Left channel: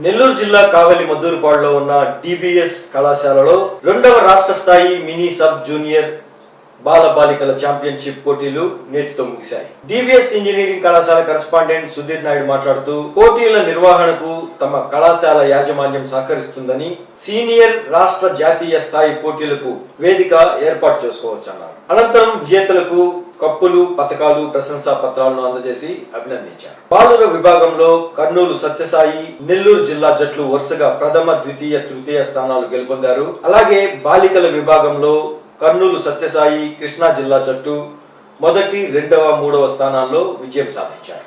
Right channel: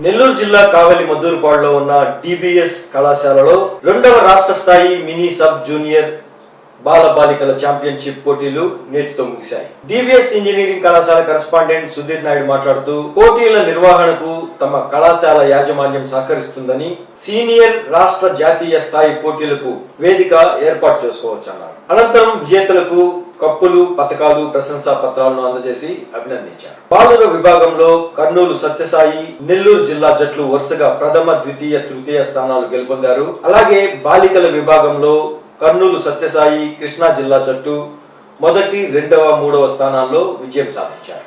నెల్లూరు జిల్లా కావలి మద్దూరుపాడులో ఉన్న డిబిఎస్ కళాశాలలో రెండవ రాష్ట్ర స్థాయి మినీ సబ్ జూనియర్ బాల బాలికల ఛాంపియన్షిప్ పోటీలు నేటితో ముగిశాయి. డిబిఎస్ ఇంజనీరింగ్ కళాశాల కరస్పాండెంట్ సుధీర్ నాయుడు మాట్లాడుతూ పోటీల నిర్వహణకు తమ కళాశాల యాజమాన్యం సహకరిస్తుందని సీనియర్ రాష్ట్ర జాతీయ స్థాయి పోటీలకు వేదిక ఏర్పాటు చేసుకోవచ్చన్నారు. అనంతరం విజేతలకు కప్పులు పథకాలు ప్రశంసా పత్రాలను అందజేసి అభినందించారు. బాలుర విభాగంలో కర్నూలు సత్యసాయి నెల్లూరు జిల్లా జట్లు వరుసగా ప్రథమ ద్వితీయ తృతీయ స్థానాలు గెలుపొందారు. అలాగే బాలికల విభాగంలో కర్నూలు సత్యసాయి కృష్ణా జిల్లా జట్టు మొదటి రెండవ మూడవ స్థానాల్లో విజయం సాధించారు.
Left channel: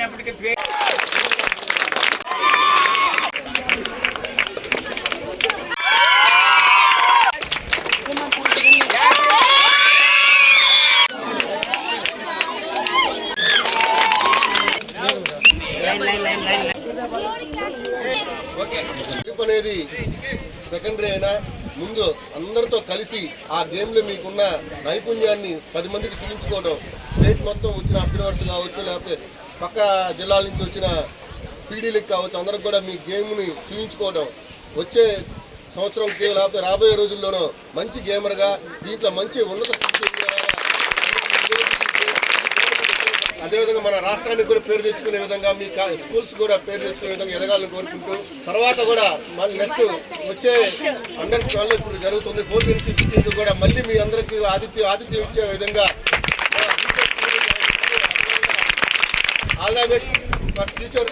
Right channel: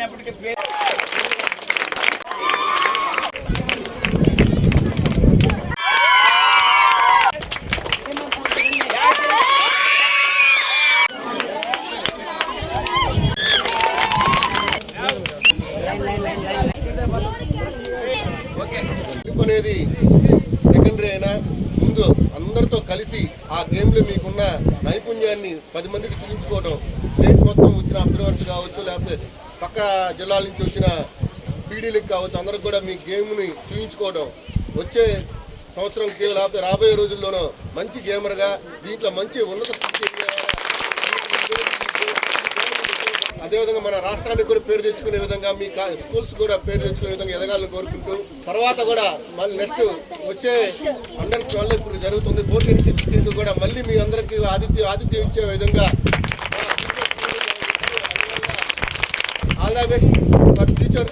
వచ్చినప్పటికీ అనేది సెకండరీ అయినా ముందు అందరితో కలిసి ఆ గేమ్లో మీకున్న నైపుణ్యాన్ని పది మందికి చూపించుకోవడం స్టేట్ మొత్తం వచ్చిన అబ్జర్వర్స్ కావచ్చు లేకపోతే పక్క జిల్లాల నుంచి వచ్చిన పీడీలకు కావచ్చు అందరికి కూడా మీ గేమ్ని చూపించుకోవడం వచ్చే సంవత్సరం లేకపోతే రాబోయే రోజుల్లోనూ మంచి గేమర్గా దీంట్లో మంచి ఉన్నత అదేవిధంగా మన రాష్ట్రానికి కూడా పేరు తెచ్చుకునే విధంగా మీ కా- స్కూల్స్ కూడా పేరు తెచ్చుకునే విధంగా ఎదగాలని కోరుకుంటూ తర్వాత కూడా మళ్ళీ నెక్స్ట్ వచ్చే అండర్ ట్వెల్వ్ ఇప్పుడు జరుగుతుంది. ఫోర్టీన్ ఫిఫ్టీన్ కూడా మళ్ళీ మీ అందరికీ ఆతిథ్యం ఆతిథ్యం ఇచ్చే విధంగా all the best. For future